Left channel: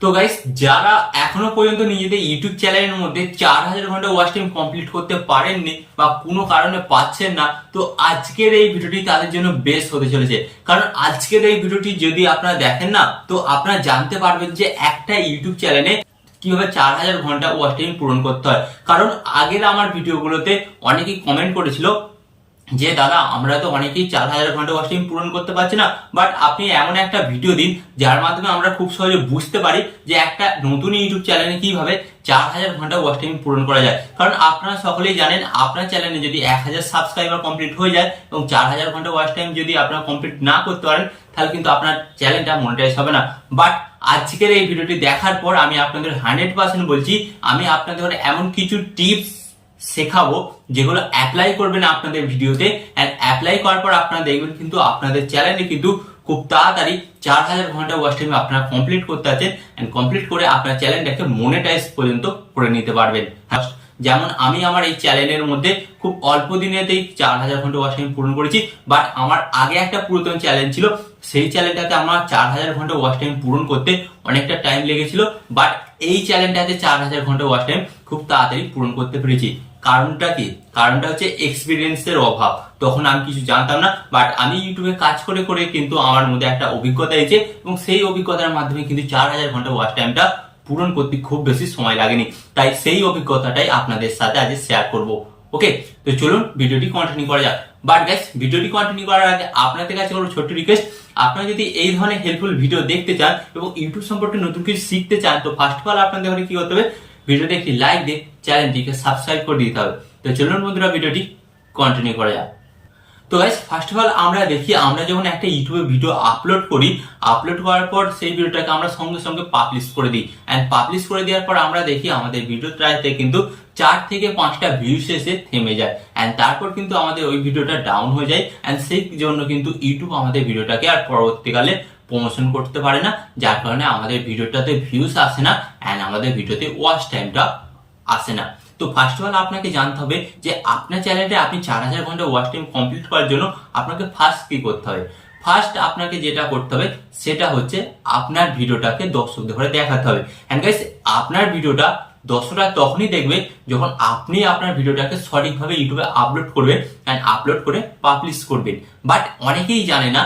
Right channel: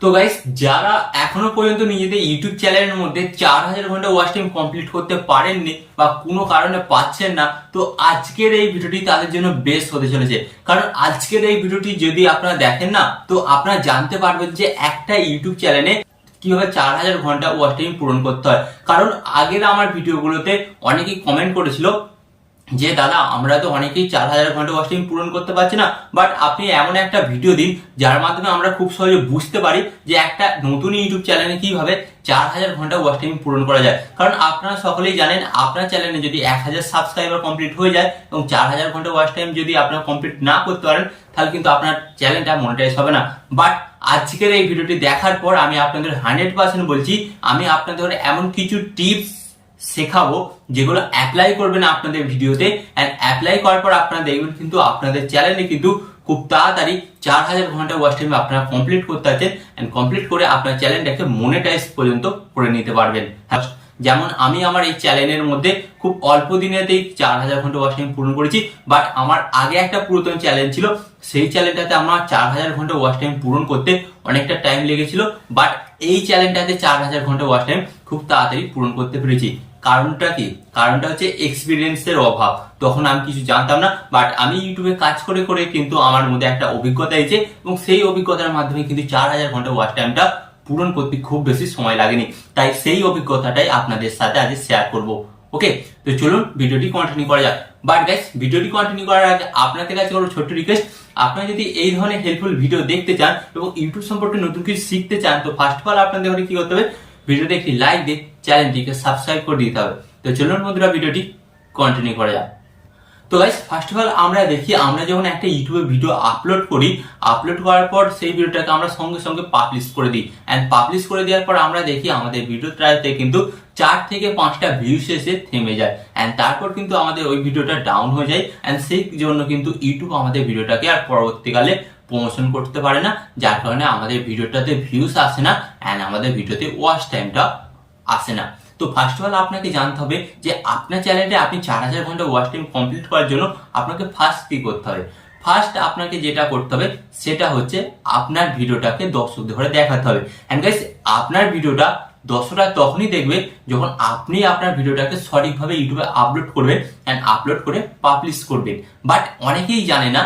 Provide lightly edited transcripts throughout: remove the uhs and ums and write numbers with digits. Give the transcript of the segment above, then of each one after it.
তো গাইস, যারা এখনো পর্যন্ত নিজেদের ইউটিউব চ্যানেলের মধ্যে 4000 ঘন্টা ওয়াচ টাইম কমপ্লিট করতে পারেননি বা কোনো কারণে পাচ্ছেন না, তো আজকের এই ভিডিওটি তাদের জন্য বেস্ট হতে চলেছে। কারণ আজকের এই ভিডিওটি যদি আপনারা দেখেন না, তো আপনারা জানতে পারবেন যে একটা ইউটিউব চ্যানেলে কিভাবে 4000 ঘন্টা ওয়াচ টাইম পূরণ করতে হয়। কারণ আগের আমার ভিডিওগুলোতে অনেকেই কমেন্ট করেছিল যে দাদা, আমরা তো অনেকেই 4000 ঘন্টা ওয়াচ টাইম পূরণ করতে পারছি না, বাট আপনি এমন একটা ভিডিও দিন যার মাধ্যমে আমরা খুব সহজে বুঝতে পারি যে একটা নতুন ইউটিউব চ্যানেলে কিভাবে 4000 ঘন্টা ওয়াচ টাইম পূরণ করা যায়। কারণ আপনারা সকলেই জানেন, আপনার চ্যানেলে যদি 1000 সাবস্ক্রাইবার কমপ্লিট হয়ে যায় এবং 4000 ঘন্টা ওয়াচ টাইম যদি আপনারা কমপ্লিট না করতে পারেন, তাহলে কিন্তু আপনার চ্যানেলটা মনিটাইজ হবে না। বাট আজকের এই ভিডিওটি দেখার পর আমি আপনাদের 100% বলছি, আমি আপনাদের এমন কিছু টিপস শেখাবো যেগুলো অ্যাপ্লাই করবেন আপনাদের ভিডিওতে, এন্ড অ্যাপ্লাই করার পর আপনারা দেখবেন কিন্তু আপনাদের চ্যানেলে কিন্তু খুব তাড়াতাড়ি 4000 ঘন্টা ওয়াচ টাইম আপনারা কমপ্লিট করতে আছেন, এন্ড কমপ্লিট করে আপনার চ্যানেলটাকে মনিটাইজ পর্যন্ত করে নিতে পারবেন। যেমন আমি আমার এই চ্যানেলের মধ্যে খুব অল্প দিনেতেই 4000 ঘন্টা ওয়াচ টাইম পূরণ করেছি। বাট আমার আগে একটা পুরাতন চ্যানেল ছিল, সেই চ্যানেলটাতে আমার 4000 ঘন্টা ওয়াচ টাইম পূরণ করতে অনেকটা টাইম লেগেছিল। বাট এই চ্যানেলটাতে 4000 ঘন্টা ওয়াচ টাইম খুব তাড়াতাড়ি পূরণ করতে পেরেছি। কারণটা কি? কারণটা হচ্ছে এক্সপিরিয়েন্সের অভাব। তখন আমি কিছু জানতাম না, বাট আমি ইউটিউবে কাজ করে করে কিন্তু আমার মধ্যে একটা অভিজ্ঞতা এসেছে, এবং সেই অভিজ্ঞতার মাধ্যমে কিন্তু 4000 ঘন্টা ওয়াচ টাইমটা পূরণ করতে খুব বেশি সময় লাগেনি। তাই সেই অভিজ্ঞতাটাই আপনাদের সাথে আজ শেয়ার করব। ওকে, তো চলুন ভিডিওটি কন্টিনিউ করা যাক। বাট গাইস, ভিডিওটি কন্টিনিউ করার আগে আপনাদের কাছে কোনো ছোট্ট রিকোয়েস্ট, আপনারা যদি এই ধরনের হেল্পফুল ভিডিও দেখতে চান এবং ইউটিউব সম্পর্কে নতুন কিছু শিখতে চান, তো ফার্স্ট অফ অল আপনাদের কি করতে হবে, ভিডিওতে একটি লাইক দিয়ে চ্যানেলটিকে সাবস্ক্রাইব করে দিতে হবে। তো চলুন বন্ধুরা, ভিডিওটি কন্টিনিউ করা যাক। তো গাইস, ফার্স্ট অফ অল আমরা দেখি, আমরা যখন একটা ইউটিউবে ভিডিও আপলোড করি, আপলোড করার পর সেই ভিডিওটাকে আমরা সঙ্গে সঙ্গে পাবলিশ করে দিই, এন্ড পাবলিশ করে দেওয়ার পর আমরা দেখি আমাদের ভিডিওটাতে কিন্তু 4 থেকে 5টা ভিউস এসে থেমে যায়, এন্ড তারপর কিন্তু আমাদের ওই ভিডিওটা ডাউন হয়ে যায়, এন্ড সেই জন্য কিন্তু ইউটিউব আমাদের ভিডিওটাকে আর পরবর্তীকালে প্রমোশন করতে পারে না, যার কারণে আমাদের ভিডিওটাতে ভিউস আসে না, এন্ড আমাদের ভিডিওতে ওয়াচ টাইমটা আসে না। তো ফার্স্ট অফ অল আপনাকে জানতে হবে যে আপনার চ্যানেলে আপনি 4000 ঘন্টা ওয়াচ টাইম কমপ্লিট করার জন্য আপনাকে ফার্স্ট কি করতে হবে। ফার্স্ট আপনাকে যেটা করতে হবে সেটা হচ্ছে আপনার ভিডিওটাকে দর্শকদের ঘরে দেখাতে হবে। এন্ড গাইস, আপনার ভিডিওটা দর্শকরা তখনই দেখবে যখন আপনি আপনার ভিডিওটাকে সঠিকভাবে ইউটিউবে আপলোড করবেন, এন্ড আপলোড করে পাবলিশ করবেন। বাট অনেকেই জানে না,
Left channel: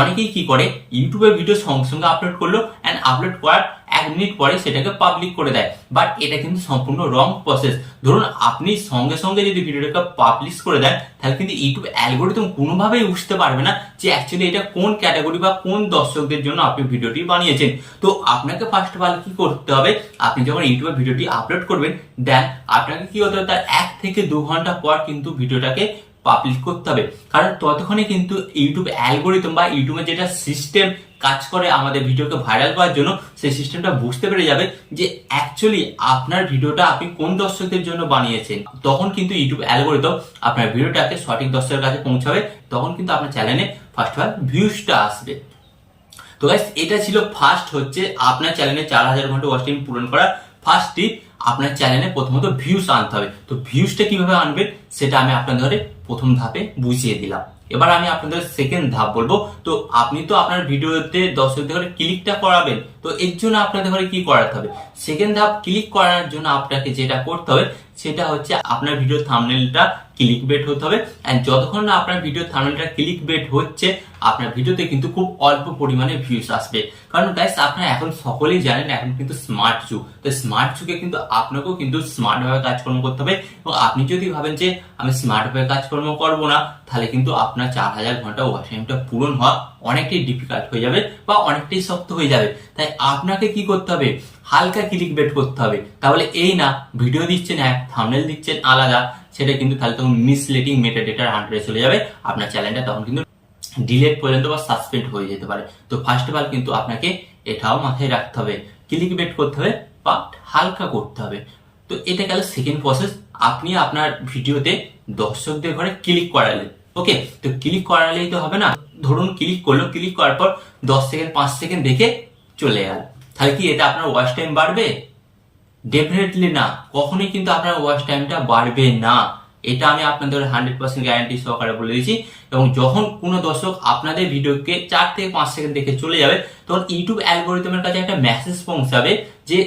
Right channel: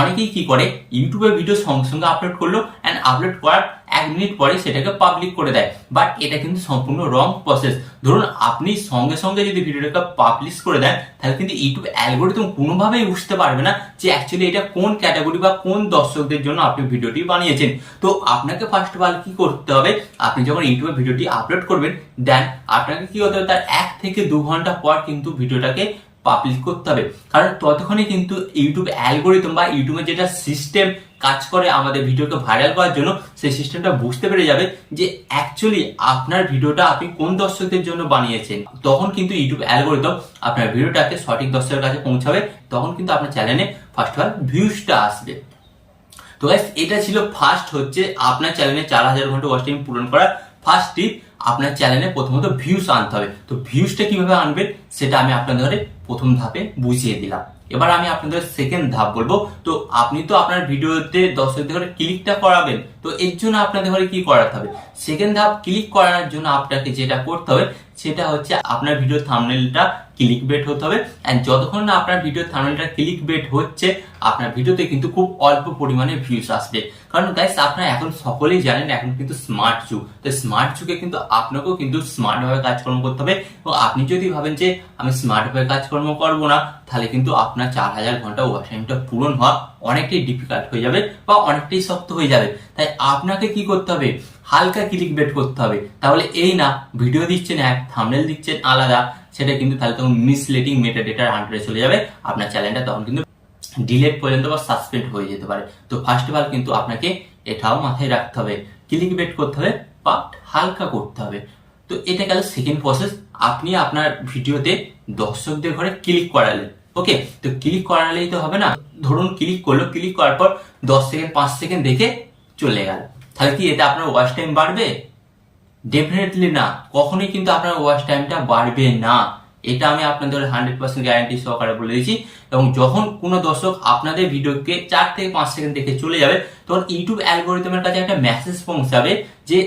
অনেকেই কি করে, ইউটিউবের ভিডিও সঙ্গে সঙ্গে আপলোড করলো, এন্ড আপলোড করার 1 মিনিট পরে সেটাকে পাবলিক করে দেয়। বাট এটা কিন্তু সম্পূর্ণ রং প্রসেস। ধরুন আপনি সঙ্গে সঙ্গে যদি ভিডিওটাকে পাবলিশ করে দেন, তাহলে কিন্তু ইউটিউব অ্যালগোরিদম কোনোভাবেই বুঝতে পারবে না যে অ্যাকচুয়ালি এটা কোন ক্যাটাগরি বা কোন দর্শকদের জন্য আপনি ভিডিওটি বানিয়েছেন। তো আপনাকে ফার্স্ট অফ অল কি করতে হবে, আপনি যখন ইউটিউবে ভিডিওটি আপলোড করবেন, দেন আপনাকে কি করতে হবে, তার 1 থেকে 2 ঘন্টা পর কিন্তু ভিডিওটাকে পাবলিশ করতে হবে। কারণ ততক্ষণে কিন্তু ইউটিউব অ্যালগোরিদম বা ইউটিউবের যেটা সিস্টেম কাজ করে আমাদের ভিডিওকে ভাইরাল করার জন্য, সেই সিস্টেমটা বুঝতে পেরে যাবে যে অ্যাকচুয়ালি আপনার ভিডিওটা আপনি কোন দর্শকদের জন্য বানিয়েছেন। তখন কিন্তু ইউটিউব অ্যালগোরিদম আপনার ভিডিওটাকে সঠিক দর্শকের কাছে পৌঁছাবে, তখন কিন্তু আপনার চ্যানেলে ফার্স্ট অফ অল ভিউজটা আসবে। তো গাইস, এটা ছিল ফার্স্ট হচ্ছে আপনার চ্যানেলে 4000 ঘন্টা ওয়াচ টাইম পূরণ করার ফার্স্ট টিপ। আপনার চ্যানেলে প্রথমত ভিউজ আনতে হবে। তো ভিউজটা কিভাবে আনবেন সেটা আমি আপনাদের প্রথম ধাপে বুঝিয়ে দিলাম। এবার আমি আপনাদের সেকেন্ড ধাপ বলবো। তো আপনি তো আপনার ভিডিওতে দর্শকদের ঘরে ক্লিকটা করাবেন, তো এর জন্য আপনাদের ঘরে কি করাতে হবে, সেকেন্ড ধাপ ক্লিক করার জন্য আপনাকে যেটা করতে হবে সেটা হচ্ছে আপনার ভিডিও থাম্বনেলটা ক্লিক বেট হতে হবে। এন্ড যতক্ষণ না আপনার ভিডিও থাম্বনেলটা ক্লিক বেট হচ্ছে, আপনার ভিডিওতে কিন্তু খুব অল্প পরিমাণে ভিউজ আসবে। কারণ গাইস, আপনারা এখন সকলেই জানেন এখন কিন্তু স্মার্ট যুগ। তো স্মার্ট যুগে কিন্তু আপনাকেও কিন্তু স্মার্ট ভাবে কাজকর্ম করতে হবে, এবং আপনি যদি ভাবেন যে আমি স্মার্ট ভাবে কাজকর্ম করবো না, তাহলে কিন্তু আপনার 4000 ঘন্টা ওয়াচ টাইমটা পূরণ হওয়া অনেকটাই ডিফিকাল্ট হয়ে যাবে বা অনেকটাই শক্ত হয়ে যাবে। তাই আপনাকে কি করতে হবে, হালকা ক্লিক বেট করতে হবে। তাহলে এই না ভিডিও দিচ্ছেন এক, থাম্বনেল দিচ্ছেন আলাদা, সেটা কিন্তু তাহলে তখন মিসলিডিং মেটাডেটার আন্ডারে চলে যাবে, আপনার চ্যানেলটা তখন কিন্তু ডিলেট পর্যন্ত বা সাসপেন্ড হয়ে যেতে পারে। তো ফার্স্ট অফ অল কিন্তু আপনাকে এটাও মাথায় রাখতে হবে, ক্লিক বেট করতে হবে বা হালকা করতে হবে। তো এটা গেল সেকেন্ড প্রসেস। আপনি আপনার ভিডিওতে দর্শকদের ঘরে ক্লিক করালেন। ওকে, তো ক্লিক করালেই তো হবে না। ধরুন ক্লিক করলো, ক্লিক করার পর 10 সেকেন্ড 5 সেকেন্ড দেখে চলে গেল, তাহলে কি এটা আপনার ওয়াচ টাইম বাড়বে? ডেফিনেটলি না, কখনোই কিন্তু আপনার ওয়াচ টাইমটা বাড়বে না। এটা আমি আপনাদের 100% গ্যারান্টি সহকারে বলে দিচ্ছি। এবং যখন কোনো দর্শক আপনাদের ভিডিওকে 4 থেকে 5 সেকেন্ড দেখে চলে যাবে, তখন ইউটিউব অ্যালগোরিদমের কাছে একটা মেসেজ পৌঁছাবে যে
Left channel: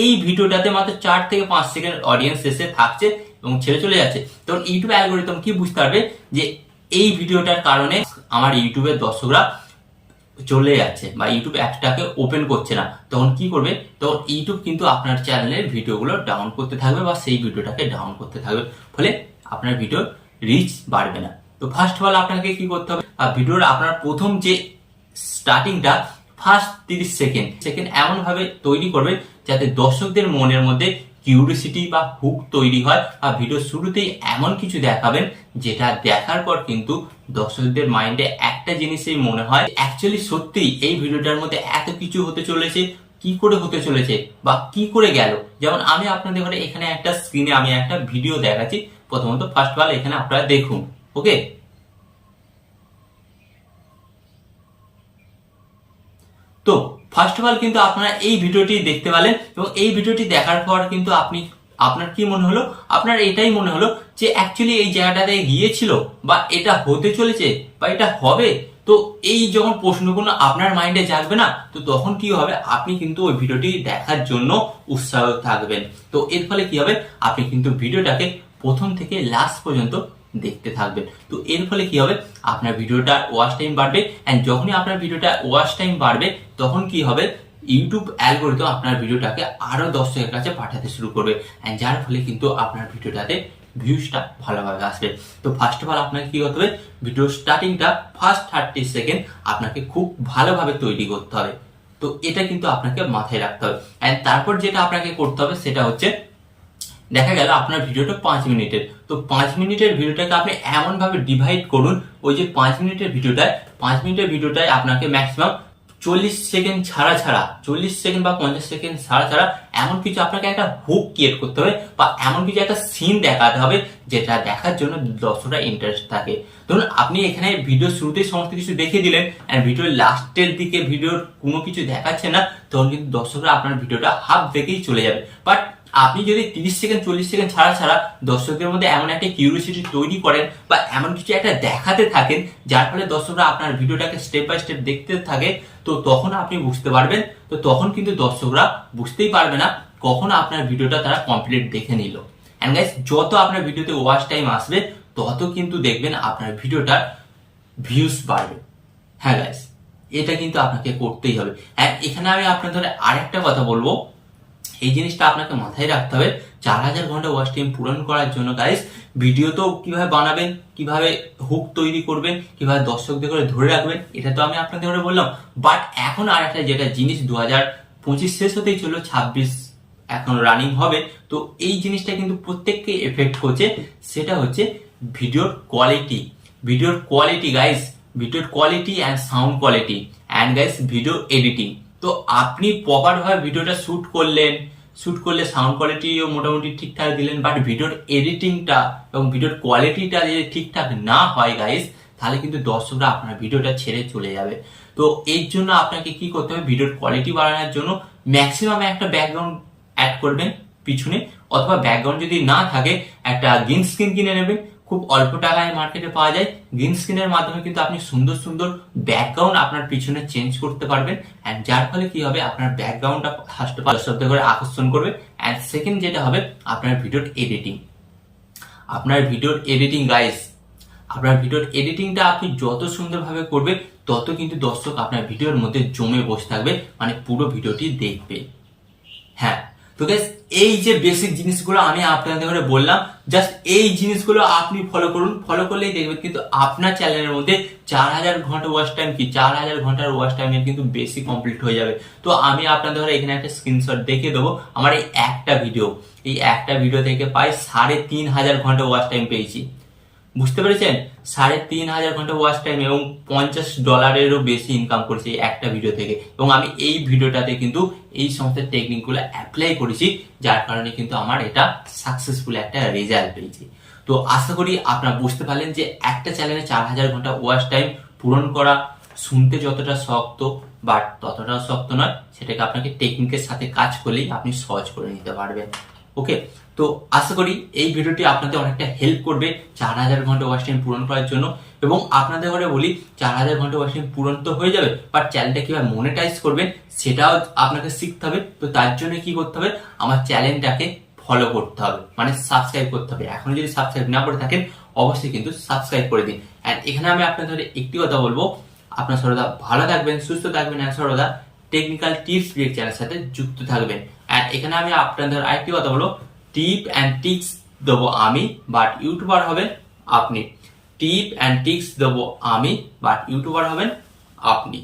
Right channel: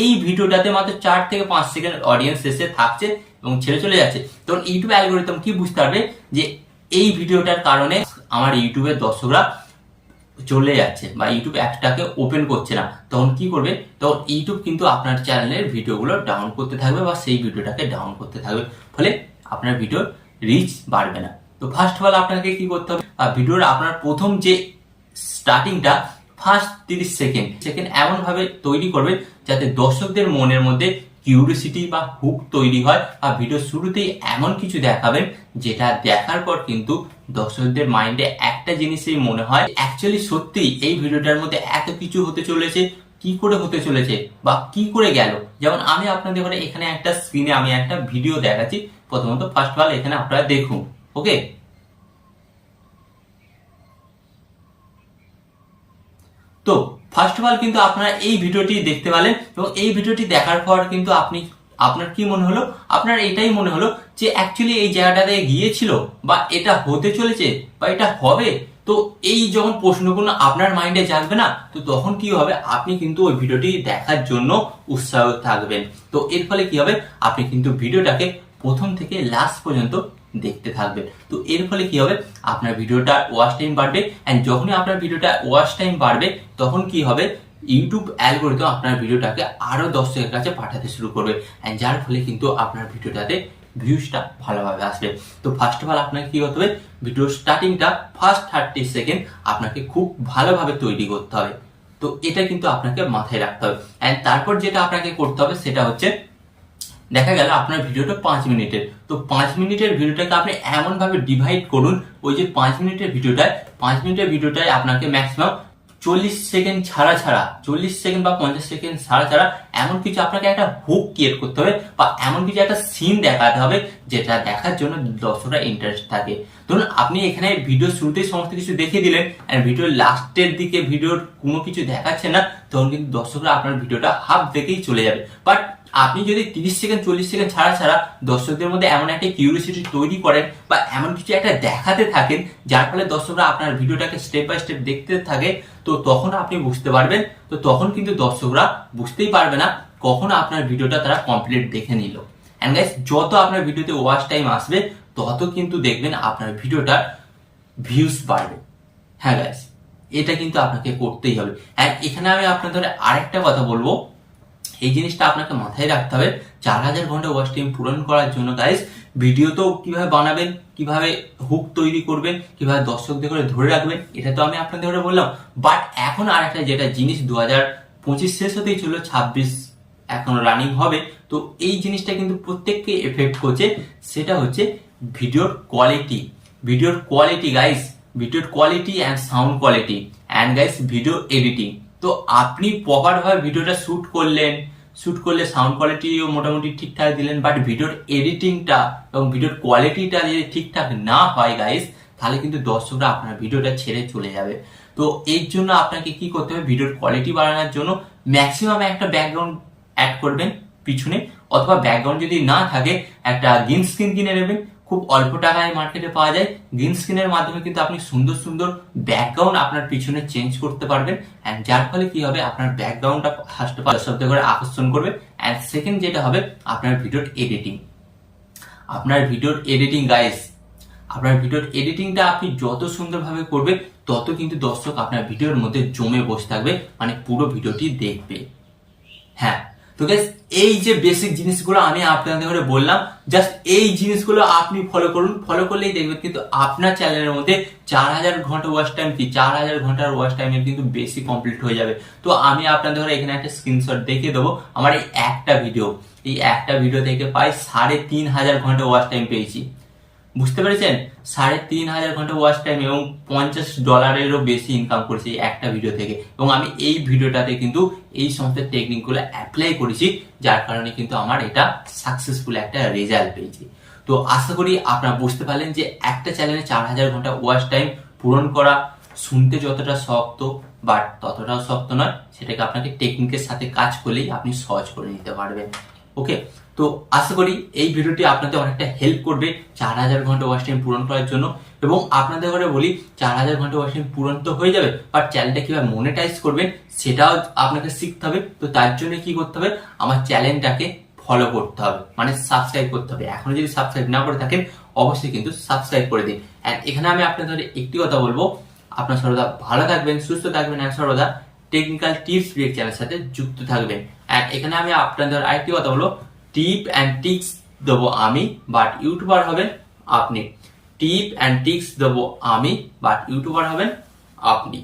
এই ভিডিওটাতে মাত্র 4 থেকে 5 সেকেন্ড অডিয়েন্স এসে থাকছে এবং ছেড়ে চলে যাচ্ছে। তখন ইউটিউব অ্যালগোরিদম কি বুঝতে পারবে যে এই ভিডিওটার কারণে আমার ইউটিউবের দর্শকরা চলে যাচ্ছে বা ইউটিউব অ্যাপটাকে ওপেন করছে না। তখন কি করবে, তখন ইউটিউব কিন্তু আপনার চ্যানেলের ভিডিওগুলো ডাউন করতে থাকবে বা সেই ভিডিওটাকে ডাউন করতে থাকবে, ফলে আপনার ভিডিওর রিচ বাড়বে না। তো ফার্স্ট অফ অল আপনাকে কি করতে হবে, ভিডিওর আপনার প্রথম যে স্টার্টিংটা ফার্স্ট 30 সেকেন্ড এমন ভাবে তৈরি করবে যাতে দর্শকদের মনের মধ্যে কিউরিওসিটি বা হুক তৈরি হয়, বা ভিডিও শুরুতেই এমন কিছু দেখাবেন যেটা দেখার পর কিন্তু দর্শকদের মাইন্ডে একটা জিনিসই মনে হয় অ্যাকচুয়ালি সত্যি এই ভিডিওটার মধ্যে এত কিছু হতে চলেছে, কি করে হতে চলেছে বা কি করে গেল। যেমন আমি আপনাদের এখানে একটা স্ক্রিনে আমি একটা ভিডিও দেখাচ্ছি। প্রথমত ফার্স্ট অফ অল এখানে আপনারা দেখুন, ওকে। তো ফার্স্ট অফ অল কিন্তু আপনারা এই ভিডিওটি দেখতে পেলেন, এবং এই ভিডিওটি দেখার পর কিন্তু আপনার কি মনে হলো, আপনার এটাই মনে হলো যে অ্যাকচুয়ালি এই জায়গাটাতে গিয়েছিল বা এটা হতে চলেছে বা এটা হবে। তো এই যখন প্রশ্নগুলো আপনার মাইন্ডে জাগবে না, তো তখন কি হবে, আপনি কিন্তু ওই ভিডিওটি দেখার জন্য উৎসাহ থাকবেন। তো এর ফলে কি হবে, আপনি কিন্তু ভিডিওটাকে প্রথম থেকে লাস্ট পর্যন্ত দেখতে থাকবেন। তো এর ফলে কি হবে, আপনার ভিডিওটার ওয়াচ টাইম বাড়বে, এন্ড যখনই আপনার ভিডিওটা ওয়াচ টাইম বাড়বে তখন কি হবে, ইউটিউব অ্যালগোরিদম আপনার ভিডিওটাকে আরো দর্শকের কাছে পাঠাতে শুরু করবে, এন্ড যার ফলে কিন্তু আপনার ভিডিওটাতে ভিউজটা ভালোভাবে আসবে। তো ফার্স্ট অফ অল আপনাকে কি করতে হবে, ভিডিও স্টার্টিংটা ফার্স্ট 30 সেকেন্ড আপনাকে খুব ভালোভাবে তৈরি করতে হবে। তো এটা কিন্তু আপনাকে মাথায় রাখতে হবে। এন্ড তারপর যেটা আপনাকে করতে হবে সেটা হচ্ছে, দেখা গেল আপনার ভিডিওটা 5 মিনিটের, তো 5 মিনিটের ভিডিওটাকে আপনি এমন ভাবে ডিভাইড করুন, ওই যে 5 মিনিটের ভিডিওটায় আপনাকে ম্যাক্সিমাম 40 সেকেন্ড ছাড়া 40 সেকেন্ড বা 50 সেকেন্ড ছাড়া এমন কিছু আপনাকে একটা হুক ক্রিয়েট করতে হবে, বা এমন কিছু একটা সিন দেখাতে হবে যেটা দেখার জন্য দর্শকরা ইন্টারেস্ট থাকে। ধরুন আপনি এখানে ভিডিও শুরুতেই সমস্ত কিছু দেখিয়ে দিলেন, আর ভিডিওর লাস্টের দিকে ভিডিওর কোনো কিছু দেখাচ্ছে না, তখন কিন্তু দর্শকরা আপনার ভিডিওটা হাফ দেখেই চলে যাবে। বাট আপনি যদি 30 সেকেন্ড 40 সেকেন্ড ছাড়া দর্শকদের মধ্যে এমন একটা কিউরিওসিটি তৈরি করেন বা এমন কিছু একটা দেখাতে থাকেন যার ফলে দর্শকরা আপনার ভিডিওটাকে স্টেপ বাই স্টেপ দেখতে থাকে, তো তখন আপনি বুঝতে পারবেন। তো তখন কিন্তু দর্শকরা বুঝতেই পারবে না কখন আপনার ভিডিওটা তারা কমপ্লিট দেখে নিল। এন্ড গাইস, যত আপনার ভিডিওতে ওয়াচ টাইম আসবে তত কিন্তু দেখবেন আপনার ভিডিওটার ভিউজ বাড়বে। হ্যাঁ গাইস, এটা কিন্তু আপনাকে করতেই হবে। এখানে আমি আপনাদের আরেকটা কথা বলবো, এই জিনিসটা আপনাকে মাথায় রাখতে হবে। 4000 ঘন্টা ওয়াচ টাইম পূরণ করার জন্য গাইস, ভিডিও তো কিভাবে বানাবেন, কিভাবে হুক তৈরি করবেন, কিভাবে দর্শকদের করে ধরে রাখবেন, এটা তো আমি আপনাদের করে বললাম। বাট এখন আর একটা যেটা জিনিস, 2025 শেষ হতেই চললো, 26 এখন রানিং হবে, তো এই জিনিসটা কিন্তু প্রত্যেককে এফেক্ট করছে। সেটা হচ্ছে ভিডিওর কোয়ালিটি গাইস, ভিডিওর quality and sound quality, and guys video editing. তো আপনি প্রপার ভাবে ভিডিওটা শুট করলে সাউন্ড কোয়ালিটিও মোটামুটি ঠিকঠাক দিলেন, বাট ভিডিওর এডিটিংটা এবং ভিডিওর কোয়ালিটিটা যদি ঠিকঠাক না হয় গাইস, তাহলে কিন্তু দর্শকরা আপনার ভিডিওটা ছেড়ে চলে যাবে। তো এর জন্য আপনাকে কি করতে হবে, ভিডিওর কোয়ালিটি বাড়ানোর জন্য ম্যাক্সিমাম একটা ব্যাকগ্রাউন্ড অ্যাড করবেন পিছনে, অথবা ব্যাকগ্রাউন্ড যদি না থাকে একটা গ্রিন স্ক্রিন কিনে নেবেন। খুব অল্প টাকায় মার্কেটে পাওয়া যায়। গ্রিন স্ক্রিনের মাধ্যমে কিন্তু আপনি সুন্দর সুন্দর ব্যাকগ্রাউন্ড আপনার পিছনে চেঞ্জ করতে পারবেন, এন্ড যার ফলে কি হবে, আপনার ব্যাকগ্রাউন্ডটা ফার্স্ট দর্শকদের করে আকর্ষণ করবে। এন্ড সেকেন্ড যেটা হবে, আপনার ভিডিওর এডিটিং গাইস, আপনার ভিডিওর এডিটিংটা আপনি যত সুন্দরভাবে করবে তত কিন্তু দর্শক আপনার ভিডিওর মধ্যে জমে বসে থাকবে, মানে পুরো ভিডিওটি দেখবে। হ্যাঁ, তো গাইস, এই যে বেসিক জিনিসগুলো আমি আপনাদের বললাম, জাস্ট এই জিনিসগুলো আপনি ফলো করুন। ফলো করলেই দেখবেন কিন্তু আপনার চ্যানেলের মধ্যে 4000 ঘন্টা ওয়াচ টাইম, কি 4000 ঘন্টার ওয়াচ টাইমের কিন্তু বেশি কমপ্লিট হয়ে যাবে। তো আমি আপনাদের এখানে একটা স্ক্রিনশট দেখিয়ে দেবো। আমার এই একটা ভিডিও থেকে প্রায় 3500 ঘন্টা ওয়াচ টাইম পেয়েছি। বুঝতে পেরেছেন, 3500 ঘন্টা ওয়াচ টাইম এবং $50 বেশি ইনকাম করেছি এই একটা ভিডিও থেকে। এবং আমি এই ভিডিওটাতে কিন্তু এই সমস্ত টেকনিকগুলো অ্যাপ্লাই করেছি, যার কারণে কিন্তু আমার এটা সাকসেসফুল একটা রেজাল্ট পেয়েছি। তো আশা করি আপনারা বুঝতে পারলেন যে একটা চ্যানেলে 4000 ঘন্টা ওয়াচ টাইম পূরণ করা শুনতে যতটা শক্ত, বাট ততটাও শক্ত নয়। সেটাকে আপনাকে টেকনিকের সাথে কাজ করলেই আপনি সহজ করে নিতে পারবেন। ওকে, তো আশা করি এই ভিডিওটি আপনাদের অনেকটা হেল্প করবে 4000 ঘন্টা ওয়াচ টাইম পূরণ করার জন্য। এবং আপনাদের ঘরে বলি 4000 ঘন্টা ওয়াচ টাইম পূরণ তো হয়ে যাবে, বাট চ্যানেলটা কিভাবে মনিটাইজ করবেন সেটাও আপনাকে শিখতে হবে। তো তার জন্য কি করতে হবে, আমার চ্যানেলটাকে ফলো করতে হবে, মানে সাবস্ক্রাইব করতে হবে। এখনো যদি সাবস্ক্রাইব না করে থাকেন অবশ্যই কিন্তু সাবস্ক্রাইব করে দিন। অ্যান্ড এখানে আমি আপনাদের একটি কথা বলবো, আপনার সর্বদা ভালো থাকবেন, সুস্থ থাকবেন, আর সর্বদা টেকনিক্যাল টিপস ব্রেক চ্যানেলের সাথে যুক্ত থাকবেন। অ্যান্ড এখানে আমি আপনাদের আরেকটি কথা বলবো, টিপ অ্যান্ড টিক্স দেবো আমি, বাট ইউটিউবার হবেন আপনি। টিপ অ্যান্ড টিক্স দেবো আমি, বাট ইউটিউবার হবেন আপনি।